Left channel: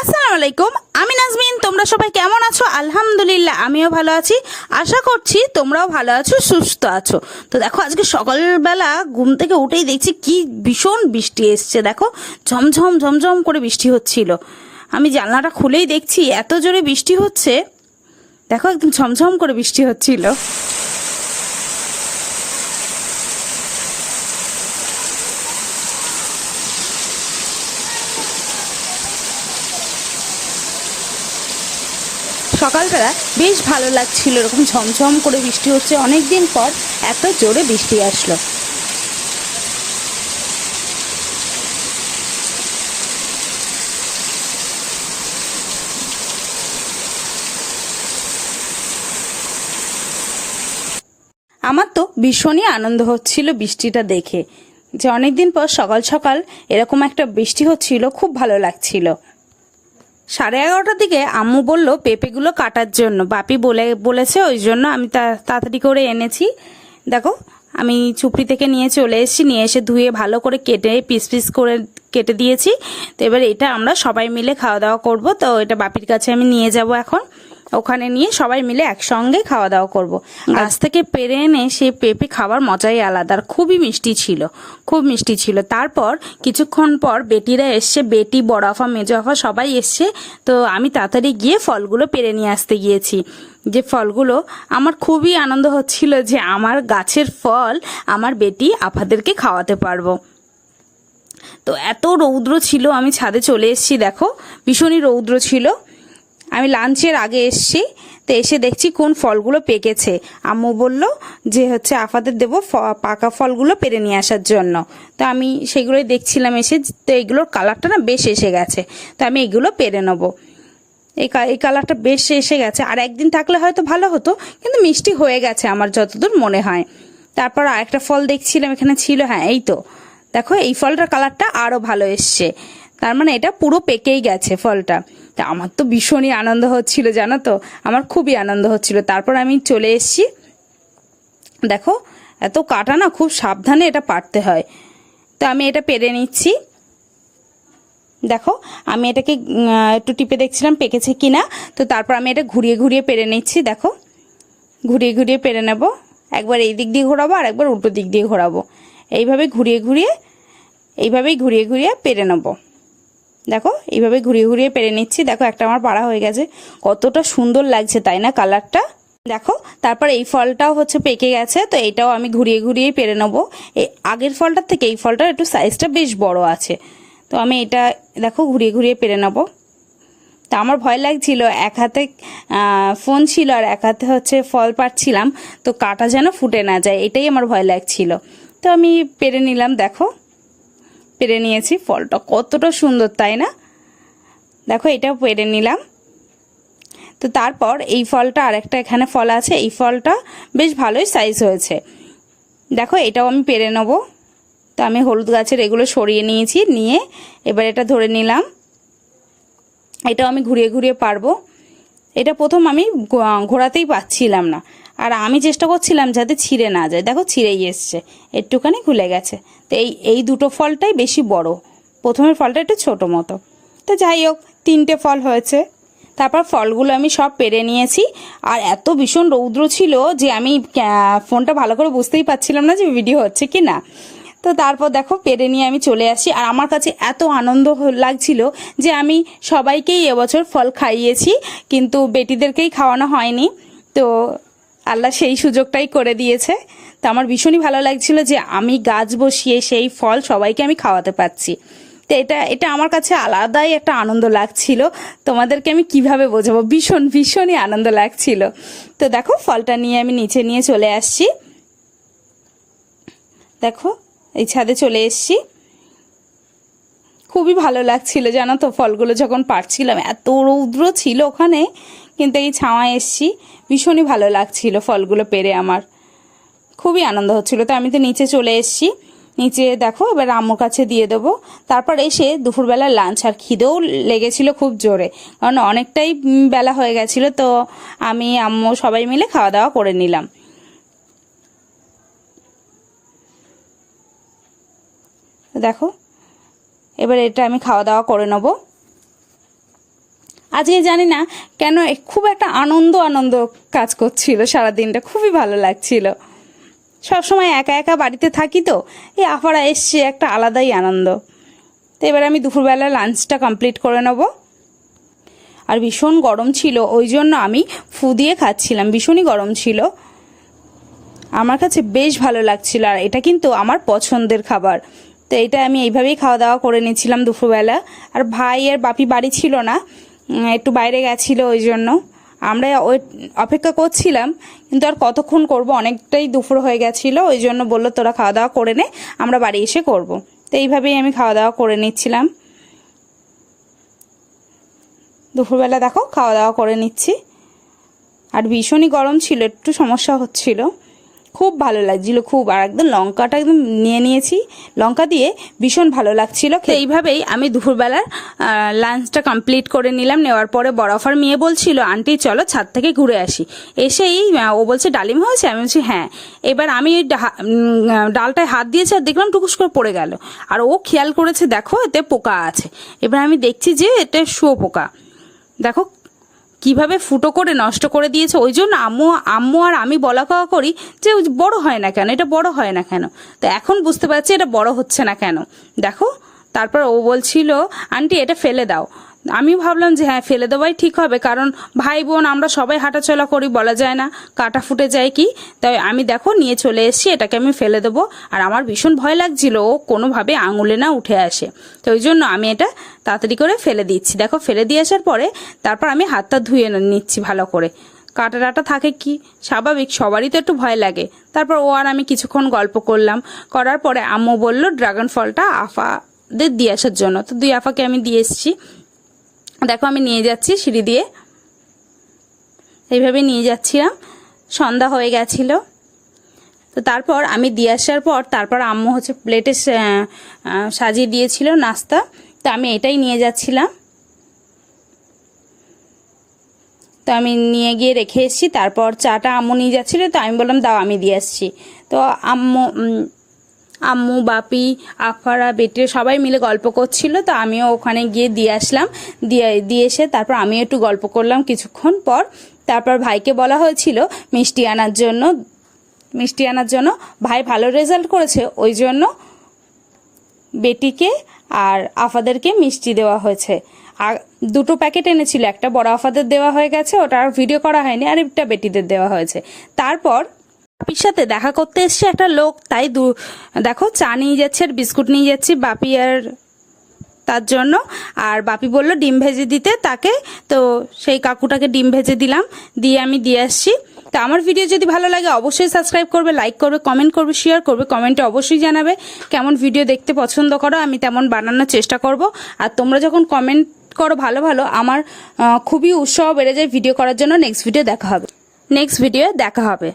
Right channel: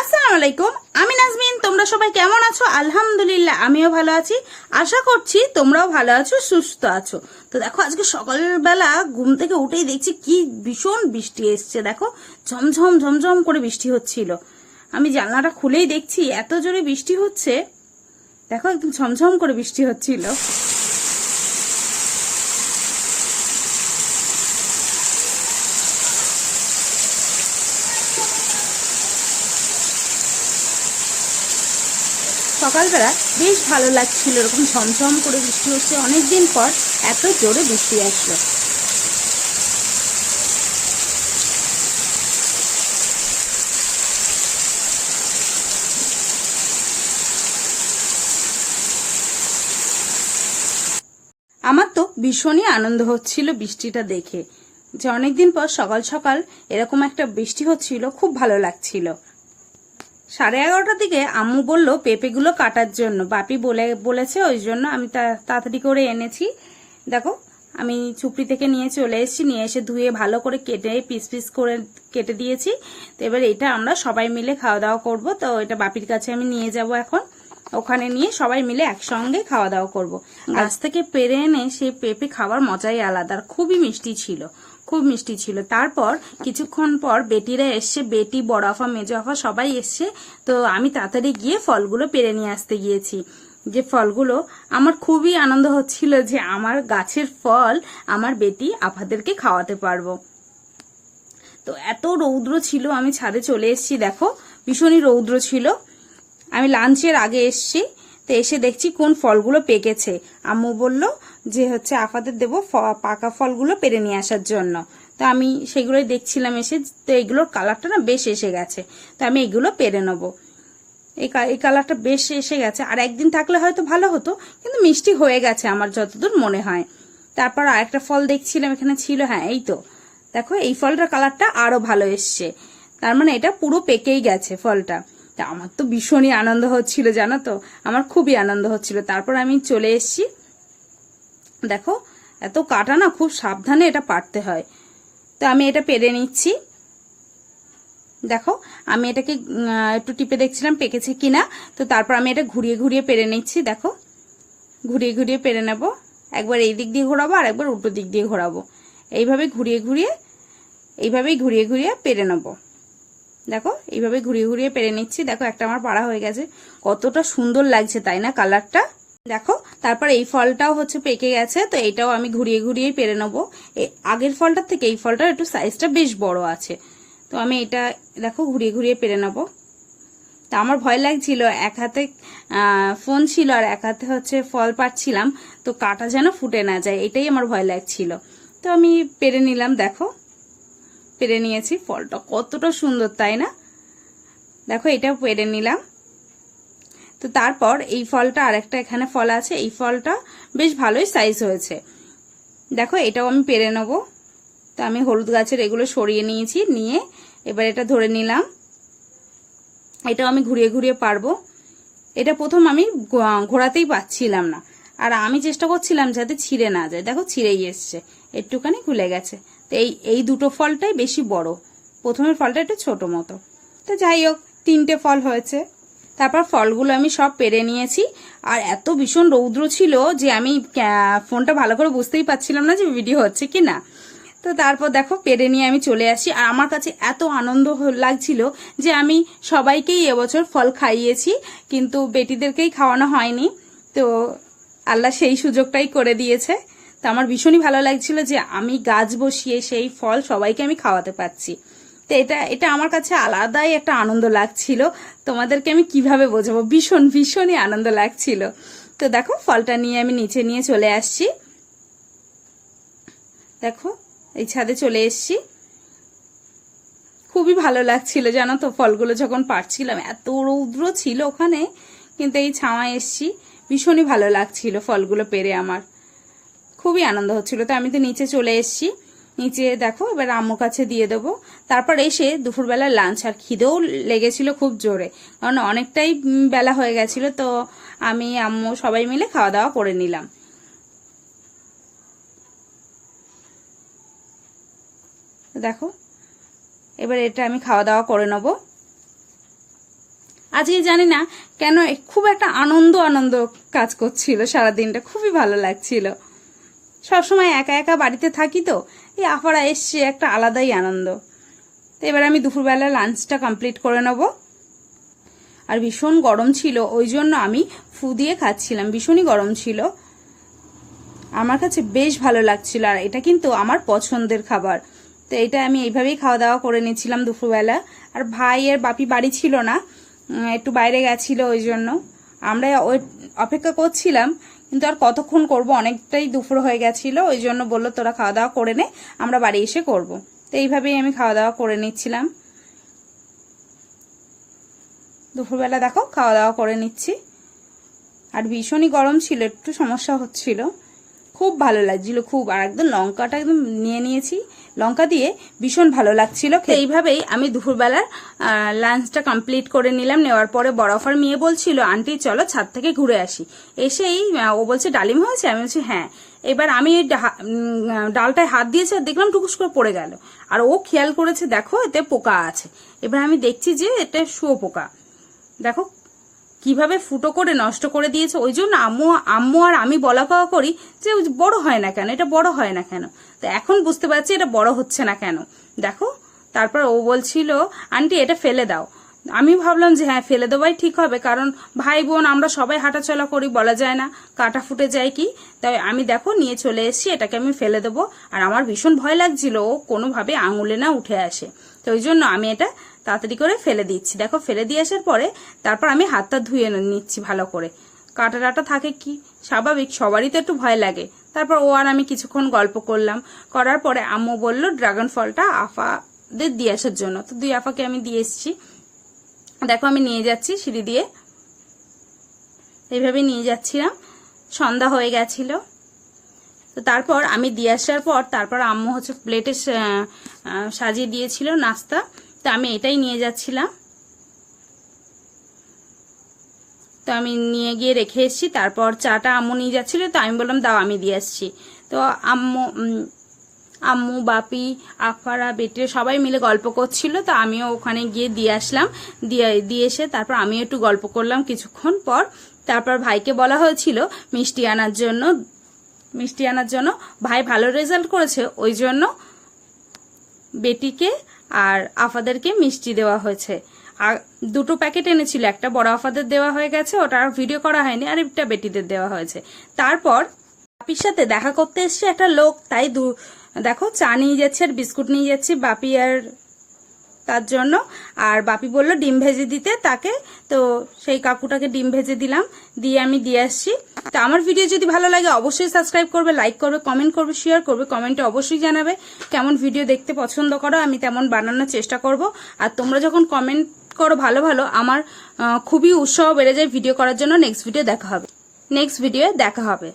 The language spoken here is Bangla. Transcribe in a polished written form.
আসসালামু আলাইকুম, আমি নাজমিন। তোমরা সবাই কেমন আছো? আলহামদুলিল্লাহ আমিও ভালো আছি। আশা করছি তোমরাও ভালো আছো, সুস্থ আছো। তো দেখো, আজকে সকালবেলা ঘুম থেকে উঠেই দেখছি কি ভীষণ বৃষ্টি এসছে। দেখো, ঝমঝম ঝমঝম করে বৃষ্টি হচ্ছিল। আমি জানলাটা খুলেই দেখছি এত জোরে বৃষ্টি হচ্ছে। দেখো, একদম ঝমঝম করে বৃষ্টি হচ্ছিল। সকালবেলা বেশ ভালো লাগছিল, এরকম ঝমঝম করে বৃষ্টি হচ্ছে। অনেকদিন পর এত জোরে বৃষ্টি আসলো। আমার তো ভীষণই আনন্দ হচ্ছিল বৃষ্টিটা দেখে, যে অনেকদিন পর সকাল সকাল এরকম একটা বৃষ্টি হচ্ছিল, খুব ভালো লাগছিল। 11:30টার দিকে আম্মু বলল পেঁপেগুলো কাটার জন্য, বাপি বলেছে, ওই জন্য আমি তাড়াতাড়ি করে এনেছি। দেখো, আমি চুপড়ি থেকে নিয়ে চলে এসেছি, নিয়ে এসে ধুয়ে ভালো করে কেটে পিস পিস করে কেটে দিয়েছি। তো এবার এটা আমরা সবাই মিলে খাওয়া দাওয়া করব। তো এটা বাপির কাছে আমি নিয়ে যাব এখন, ওখানে নিয়ে সবাই মিলে একসঙ্গে খাওয়া দাওয়া করব। গাছ থেকে পেরে এনে সে পেঁপে খাওয়ার মজাই আলাদা, আর খুবই মিষ্টি ছিল, খুব মিষ্টি ছিল। তারপর কিছুক্ষণ পর বেটিরা এসছে, বেটি, বড় আফা, মেজো আফা সবাই এসছে। তো আমি তাড়াতাড়ি গিয়ে ফলগুলো পেরে নিয়ে আসতে গিয়েছি। যে ফলগুলো আমার খুবই আনন্দ হচ্ছিল যে আমার গাছের ফল আমার বেটি আফাদেরকে খাওয়াতে পারবো। তো এত রৌদ্র ছিল, আমি ছাদে চলে এসেছি। দেখো, ভীষণই রৌদ্র ছিল। আমি লাঞ্চের আগে এসছি, তো এসে দেখছি কোন ফলগুলো পেকেছে। আম্মু বলল যে আফাদের দেবো পাকা ফলগুলো পেরে নিয়ে আসার জন্য। তো আমি সেগুলোই দেখছিলাম এসে। তো এইগুলোর কালারটা না বেশ এসে গেছে, তো আমি এগুলো পেরে নেবো। এই কালারটা বেশ এসে গেছে, আর একদিন থাকলে হয়তো ভালো হতো, কিন্তু মিষ্টি হয়ে গেছে আমার যতদূর মনে হয়। তারপর আরেকটা ফল দেখছিলাম এখানে ছিল, হ্যাঁ এই তো দেখো, এই ফলটার কালারটা আরো ভালো এসছে। তার মানে এটা পুরো পেকেই গেছে ফলটা। তা আমার তো ভীষণই আনন্দ হচ্ছিল, জানো তো, আমার খুবই আনন্দ হচ্ছিল। তারপর আমি চলে এসেছি। দেখো, এত কাটা না, খুব সাবধানে এটা পারতে হয়। তো আমি এটা পেরে নিচ্ছি। দেখো, আমি এটাকে একটু টিপে দেখছিলাম পেকেছে কিনা। তো তারপর আমি এটা ঘুরিয়ে ঘুরিয়ে পেরে নিচ্ছি। দেখো, ঘুরিয়ে ঘুরিয়ে পেরে নেব। একবার এই দিক দিয়ে ঘোরাবো আর একবার উল্টো দিক দিয়ে ঘোরাবো। এইভাবেই ঘুরিয়ে ঘুরিয়ে পেরে নেব। দেখো, এইভাবে ঘুরিয়ে ঘুরিয়ে পেরে নিচ্ছি। দেখো, একটা আমার পাড়া হয়ে গেছে। কতটা সুন্দর লাগছে তাই না কালারটা? দেখো, তারপর এই ফলটাও পেকে গেছে। তো এইটাও আমি ঘুরিয়ে ঘুরিয়ে পেরে নেবো। এই আগের ফলটার থেকে এই ফলটার একটু সাইজটা বেশ বড় আছে। তো আমি এটা দেখো ঘুরিয়ে ঘুরিয়ে পেরে নেবো। তা আমার ভয় লাগছিল, এক হাতে ফোন ছিল আর এক হাতে ফল পাড়ছিলাম, তো কাটা যেন ফুটে না যায়, এটাই আমার ভয় লাগছিল। তো আমি পেরে নিলাম। দেখো, পেরে নিয়েছি। ফলটা কতটা সুন্দর তাই না? দেখো, এটা পেরে নিলাম। তো তারপর এই ফলটা, আরেকটা এখানে ফল আছে, এই ফলটা বেশ ভালোই সাইজ হয়েছে। দেখো, এটাও আমি পেরে নেবো। তো আমি হলুদ গাছের এগুলো সরিয়ে নিয়েছি, নিয়ে এবার এটা ধরে নিলাম। এটাও আমি ঘুরিয়ে ঘুরিয়ে পারবো। এটা প্রথম আমি ঘোরাতেই পাচ্ছিলাম না, আর আমি চেষ্টা করছিলাম যাতে ছিঁড়ে না যায়। দেখো, ছিঁড়েই এসছে, একটুখানি খুলে গেছে। তো এই দুটো ফলটাই বেশি বড়, প্রথমের ফলটা একটু ছোট মতো। তো যাই হোক, 3টে ফল হয়েছে। তারপর ফলগুলো আমি সব পেরে নিয়েছি। আর এত ভীষণ রৌদ্র ছিল যে আমি ফোনটা ভালো করে বুঝতেই পারছিলাম না যে ভিডিও হচ্ছে কি না। তো তারপর দেখো, পেরে নিয়ে আমি চলে আসি। আর আমার কাছে এত আনন্দ লাগছিল যে আমি সবাইকেই এবছর ফল খাইয়েছি, কিন্তু বেটিদেরকেই খাওয়ানো হয়নি। তো আল্লাহ সেই সুযোগটাই করে দিয়েছে। তো আমার ভীষণই ভালো লাগছিল যে আমি গাছ বসিয়ে সেই ফল সবাইকে আমি খাওয়াতে পারছি। তো এটা আমার কাছে আলাদাই একটা আনন্দ লাগছিল। তোমাদেরকে আমি কিভাবে বোঝাবো, ভীষণই আনন্দ লাগছিল। তো দেখো, ফলটা নিয়ে আমি নিচে নিয়ে চলে আসছি। দেখো, এই ছাদে চলে এসছি। খুবই ভালো লাগছিল জানো তো, ফলগুলো যখন পাড়ছিলাম। এত রৌদ্র ছিল ওখানে, কিন্তু এই ছাওয়ায় এসছি, ভীষণই ভালো লাগছিল ফলগুলো পেরে। আমার খুবই আনন্দ হচ্ছিল। তো আমি তো নিচে চলে এসছি। নিচে দেখো, এবার আম্মুর কাছে দিয়ে দেবো। তারপর এসে দুপুরবেলা লাঞ্চ, আর খিদেও লেগেছিল খুব জোরে, কারণ অনেকটাই বেলা হয়ে গেছিল। তো আমি আম্মু সবাই মিলে খাওয়া দাওয়া করে নিলাম। দেখো, এবার এটা আমি খাওয়া দাওয়া করে নেব। আজকে জানি না কেন খুব একটা আনন্দ আনন্দ কাজ করছিল, সারাদিনটা খুবই ভালো লাগছিল। সবসময় একা একা বাড়িতে থাকি তো, এই আপারা এসছে একটা আলাদাই আনন্দ। তো এবার আমি দুপুরবেলা লাঞ্চটা কমপ্লিট করে নেব। আর ভীষণ গরম ছিল, ওই জন্য আমি ফু দিয়ে খাচ্ছিলাম, ভীষণই গরম ছিল। আমার কাছে বেশ ভালো লাগছিল, আর এটা কিন্তু আমার পছন্দের খাবার। তো এটা আমি এইভাবেই খাওয়া দাওয়া করে নিয়েছিলাম দুপুরবেলা। আর ভাই আর বাপি বাড়ি ছিল না, একটু বাইরে গেছিলো, ওই জন্য আমরা ওই অপেক্ষা করছিলাম, কিন্তু আর কতক্ষণ করব, অনেকটাই দুপুর হয়ে গেছিলো। ওই জন্য বললো তোরা খাওয়া দাওয়া করে নে, আমরা বাড়ি এসে করব। তো এইভাবেই আমি খাওয়া দাওয়া করে নিচ্ছিলাম। দুপুরবেলা দেখো খাওয়া দাওয়া করে নিচ্ছি। আর ভীষণই গরম ছিল, একটু সমস্যা হচ্ছিল, খুব ভালো লাগছিল খুব। আর একদম লঙ্কাটা একদম নিয়ে নিয়েছি, লঙ্কা দিয়ে ভীষণ ভালো লাগছিল। এইভাবেই আমি দুপুরবেলার লাঞ্চটা কমপ্লিট করে নিলাম। নেওয়ার পরে বরফার মেয়ে বলছিল আন্টি চলো ছাদ থেকে ঘুরে আসি। এসেই ও বলছে ডালিম হয়েছে, আমি বলছি হ্যাঁ। এবার আমি ডালটায় হাত দিয়েছি আর দেখলাম টুকুস করে পড়ে গেল। আর ও খেয়াল করেছে দেখো এতে পোকা আছে। এবার আমি দেখছি যে এটা শুয়োপোকা, দেখো কিভাবে ফুটো করে নষ্ট করে দিয়েছে। ওই জন্য আম্মু আর আমি বলা কওয়া করি যে বড় হয় না কেন, এটা বড় হয় না কেন। তো এখন বুঝতে পারছি এটা বড় হচ্ছে না কেন, দেখো। তারপর ও বলছিল আন্টি এটা ফেলে দাও। আমি ভাবলাম যে হ্যাঁ ফেলে দেওয়াই ঠিক হবে, কারণ ভাই বোন আমরা সবাই হাঁটাচলা করি, বলা যায় না কাটা ফুটে যায় কি। তাই আমি দেখো নিয়ে চলে এসেছি, এটাকে আমি ফেলে দেবো। আর আমার ভীষণ ভয় লাগছিল ও কোনোভাবে আঙুলে না উঠে আসে, তো ওই জন্য আমি এটা তাড়াতাড়ি করে ফেলে দিচ্ছি। দেখো ফেলে দিয়ে আসার পরে তারপর আমি হাতটা ধুয়ে নিচ্ছি ভালো করে। কাটা টাটা থাকে কি স্বাভাবিক, সবারই তো একটু ভয় লাগে। তারপর ও আর আমি কিছুক্ষণ গল্প করলাম, করার পরে আম্মু বলল ড্রাগন ফলটা আফাদের দিয়ে আসার জন্য। তো দুই আফাকে আমি দিয়ে এসেছি। দেখো আমি নিয়ে যাচ্ছি সিঁড়ি দিয়ে, এইভাবে নিয়ে যাচ্ছিলাম। সন্ধ্যা হয়ে গেছিল। তো তারপর আমি দিয়ে আসার পর তারপর আম্মু হচ্ছে প্লেটে সাজিয়ে দিয়েছিল নাস্তা, তো আমি এটাই নিয়ে যাচ্ছিলাম। তো আমি নিয়ে গিয়ে রেখে এসেছি। তারপর চাটা আম্মু নিয়ে যাচ্ছিল, তো আমি বললাম দাও আমি দিয়ে আসছি। তো আম্মু বাপি আফারা বেটে সবাই মিলে গল্প করছিল, তো আমিও ওখানে গিয়ে দিয়ে আসলাম। দিয়ে এসে তারপর আমিও একটু গল্প করলাম কিছুক্ষণ পর। তারপর ভাইকে বলা হয়েছিল মিষ্টি আনার জন্য। ভাই ভালো রেজাল্ট করেছে, ওই জন্য বেটিকে আর আফাদেরকে মিষ্টি দেওয়া হয়েছে। আর দুটো প্যাকেট এনেছিল, একটা বড় আফাদের দেওয়া হয়ে গেছে, ওটা আর ভিডিও করা হয়নি, আর একটা বেটিদের দেওয়া হয়েছে। তারপর বাপির সাথে দেখা করতে এসছে একটা লোক, তাই দেখো চা নিয়ে যাচ্ছে আর বিস্কুট নিয়ে যাচ্ছি বাপি আর তার জন্য। আর বাপি বললো ডিম ভেজে দিতে তাকে, তো সেই কাকুটাকে ডিম ভেজে দিলাম, দিয়ে আমি দিয়ে আসছি। তো আমার ভিডিও যদি ভালো লাগে অবশ্যই সাবস্ক্রাইব করবে, লাইক করবে, কমেন্ট করবে, শেয়ার করবে। কমেন্টে অবশ্যই জানাবে কেমন ভিডিও দেখতে পছন্দ করো, আমি তেমন বানানোর চেষ্টা করব। আর তোমরা যখন কমেন্ট করো ভালো ভালো, আমার খুবই উৎসাহ বেড়ে যায় ভিডিও করার জন্য। নেক্সট ভিডিও দেখা হবে।